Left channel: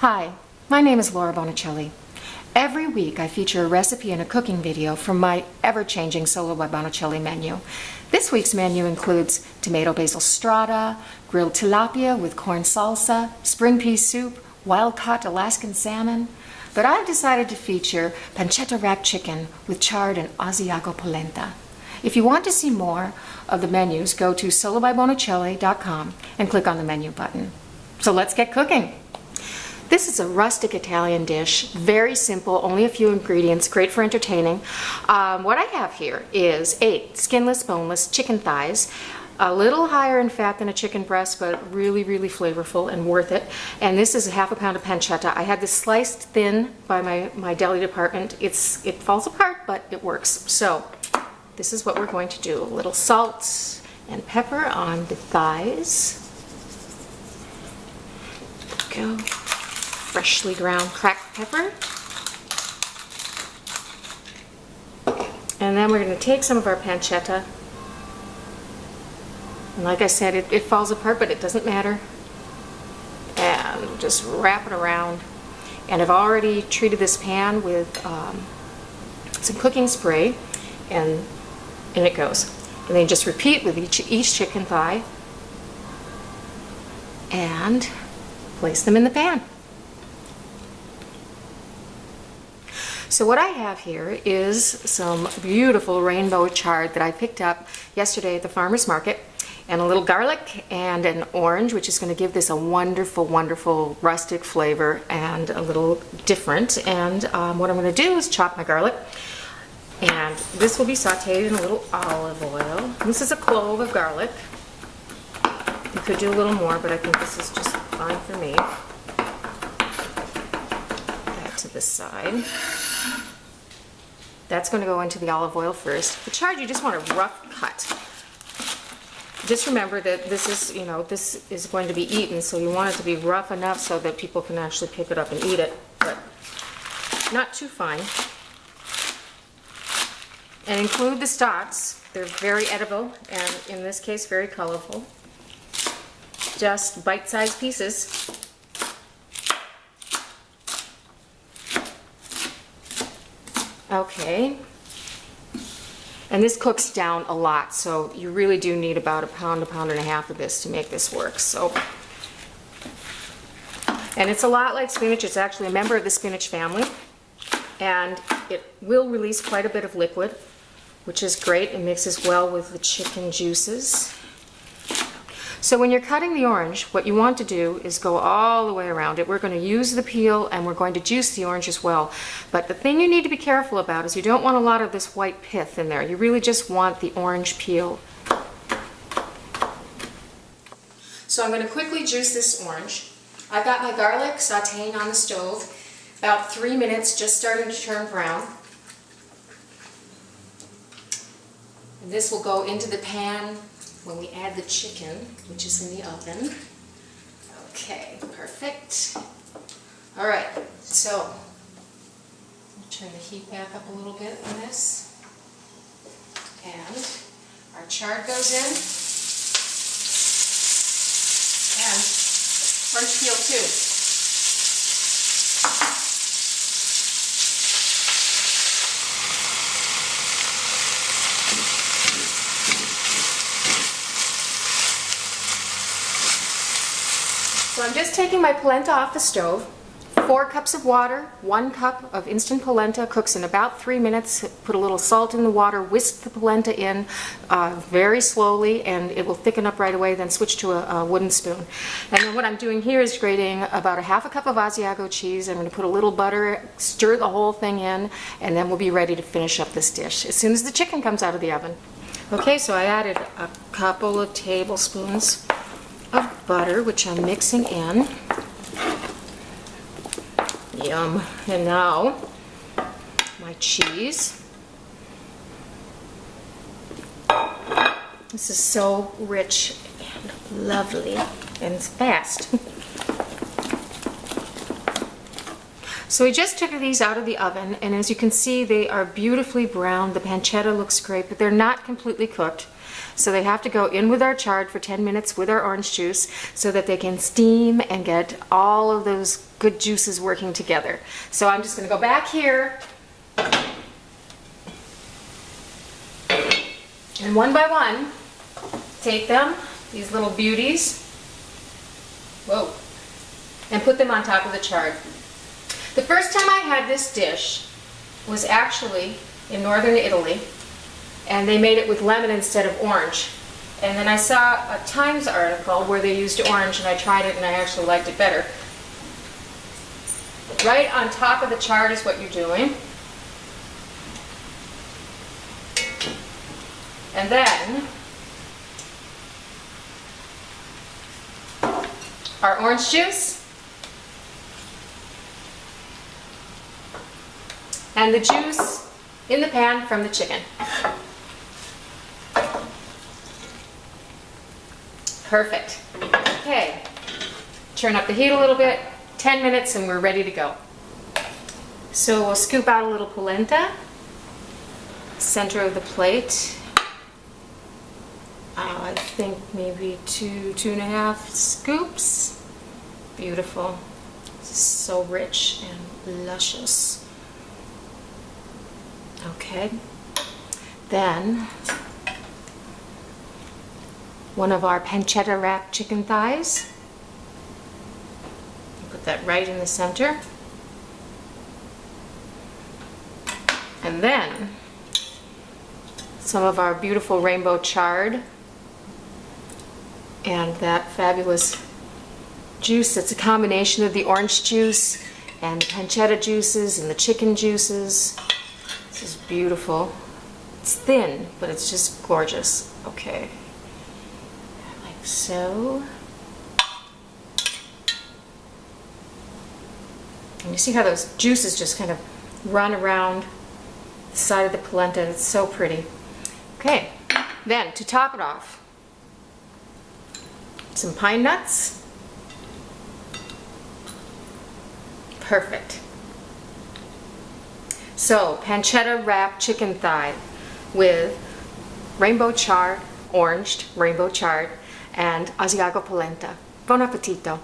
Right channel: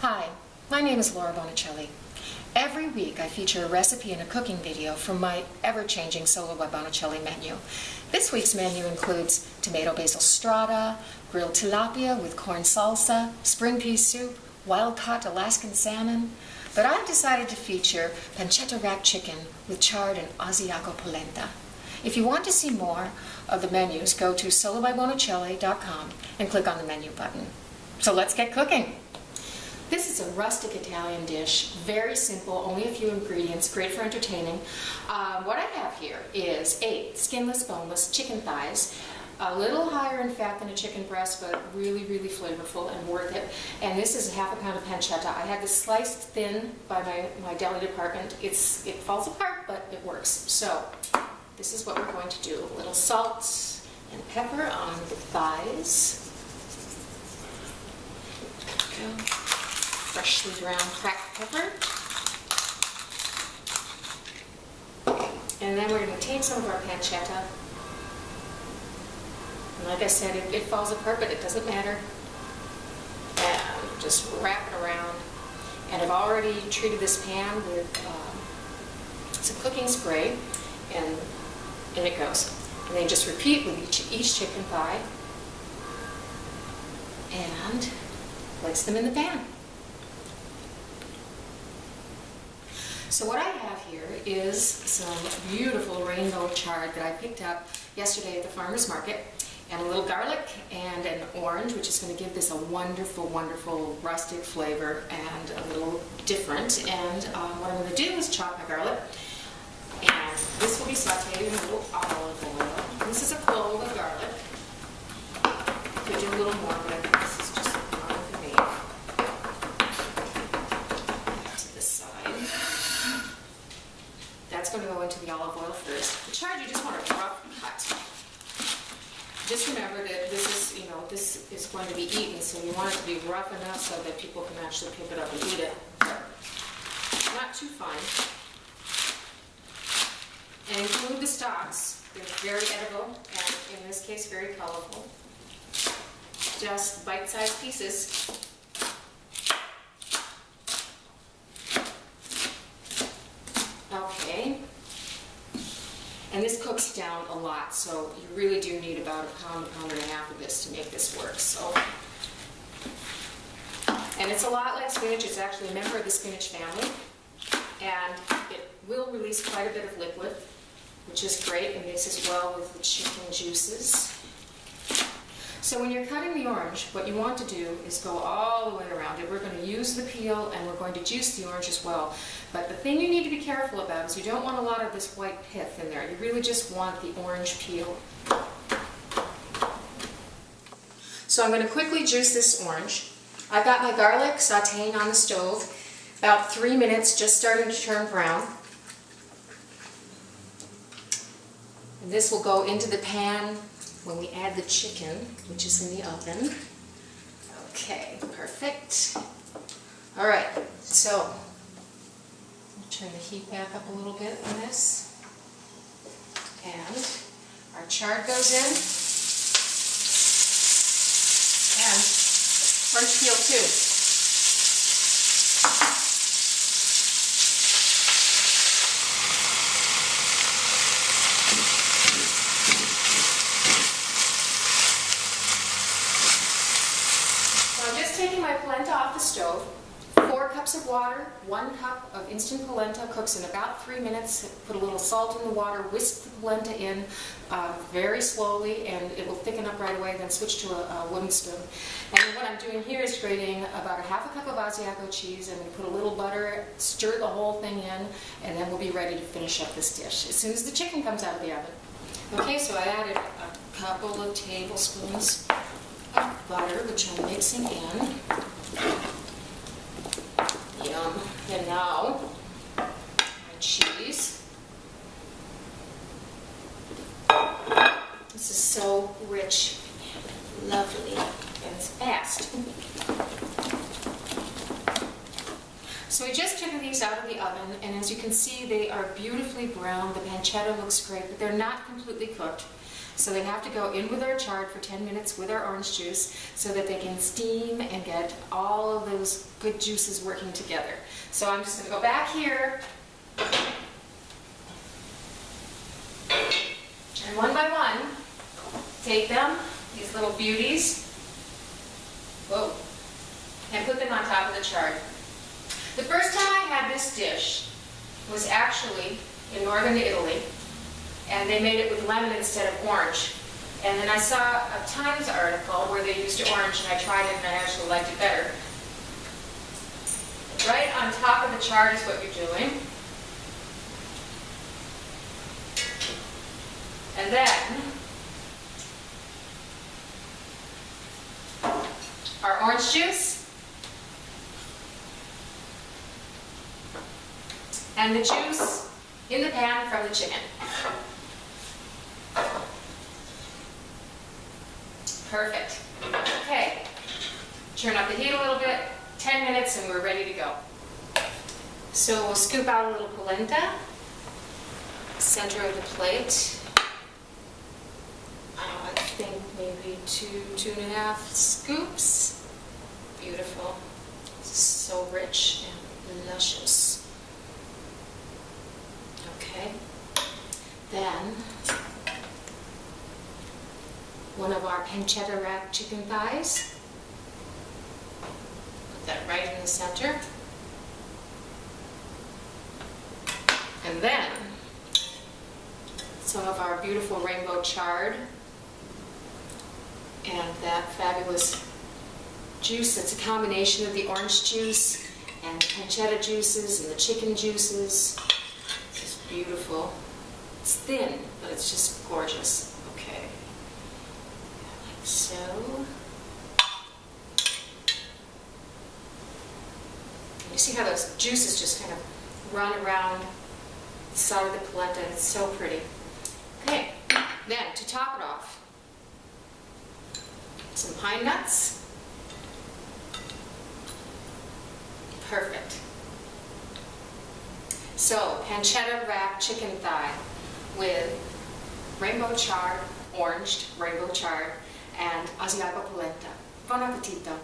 Hi, my name is Laura Bonicelli. Every week I feature a recipe and a cooking video from my ever-changing Solo by Bonicelli menu. This week's menu includes tomato basil strata, grilled tilapia with corn salsa, spring pea soup, wild-caught Alaskan salmon, but I've decided to feature pancetta wrapped chicken with chard and Asiago polenta. If you want to see more of the menus, go to solobybonicelli.com and click on the menu button. So let's get cooking! This is a rustic Italian dish, very simple, only a few ingredients, great for entertaining. What I have here is 8 skinless, boneless chicken thighs, a little higher in fat than a chicken breast, but really, really flavorful and worth it. And this is ½ pound of pancetta. I had this sliced thin by my deli department. It falls apart, but it works. So this is what we're going to do. A little salt and pepper on the thighs. There we go. Freshly ground cracked pepper. And then we're going to take some of our pancetta. And like I said, it falls apart, but it doesn't matter. And just wrap it around. And I've already treated this pan with some cooking spray, and it goes. And then just repeat with each chicken thigh and place them in the pan. So what I have here is some beautiful rainbow chard that I picked up yesterday at the farmer's market, and a little garlic and an orange, which is going to give this a wonderful, wonderful rustic flavor and a little different. And what I'm going to do is chop my garlic, and this will be sauteed in a little olive oil. This is a clove of garlic. You could do a little more, but I think this is just fine for me. That to the side. That's going to go into the olive oil first. The chard, you just want a rough cut. Just remember that this is going to be eaten, so you want it to be rough enough so that people can actually pick it up and eat it, but not too fine. And include the stalks. They're very edible, and in this case, very colorful. Just bite-sized pieces. Okay, and this cooks down a lot, so you really do need about a pound and a half of this to make this work. So, and it's a lot like spinach. It's actually a member of the spinach family, and it will release quite a bit of liquid, which is great. It mixes well with the chicken juices. So when you're cutting the orange, what you want to do is go all the way around it. We're going to use the peel, and we're going to juice the orange as well. But the thing you need to be careful about is you don't want a lot of this white pith in there. You really just want the orange peel. So I'm going to quickly juice this orange. I've got my garlic sauteing on the stove, about 3 minutes, just starting to turn brown. And this will go into the pan when we add the chicken, which is in the oven. Okay, perfect. All right, so I'll turn the heat back up a little bit on this. And our chard goes in. And orange peel too. So I'm just taking my polenta off the stove. 4 cups of water, 1 cup of instant polenta, cooks in about 3 minutes. Put a little salt in the water, whisk the polenta in very slowly, and it will thicken up right away. Then switch to a wooden spoon. And then what I'm doing here is grating about a ½ cup of Asiago cheese. I'm going to put a little butter, stir the whole thing in, and then we'll be ready to finish up this dish as soon as the chicken comes out of the oven. Okay, so I added a couple of tablespoons of butter, which I'm mixing in. Yum. And now my cheese. This is so rich and lovely, and it's fast. So we just took these out of the oven, and as you can see, they are beautifully browned. The pancetta looks great, but they're not completely cooked. So they have to go in with our chard for 10 minutes with our orange juice so that they can steam and get all of those good juices working together. So I'm just going to go back here and one by one take them, these little beauties, whoa, and put them on top of the chard. The first time I had this dish was actually in northern Italy, and they made it with lemon instead of orange. And then I saw a Times article where they used orange, and I tried it and I actually liked it better. Right on top of the chard is what you're doing. And then our orange juice and the juice in the pan from the chicken. Perfect. Okay, turn up the heat a little bit, 10 minutes and we're ready to go. So we'll scoop out a little polenta, center of the plate. I think maybe 2.5 scoops. Beautiful. So rich and luscious. Okay. Then one of our pancetta wrapped chicken thighs. Put that right in the center. And then some of our beautiful rainbow chard and that fabulous juice. It's a combination of the orange juice and the pancetta juices and the chicken juices. This is beautiful. It's thin, but it's just gorgeous. Okay, like so. And you see how those juices just kind of run around the side of the polenta. It's so pretty. Okay, then to top it off, some pine nuts. Perfect. So, pancetta wrapped chicken thigh with rainbow chard, oranged rainbow chard, and Asiago polenta. Buon appetito!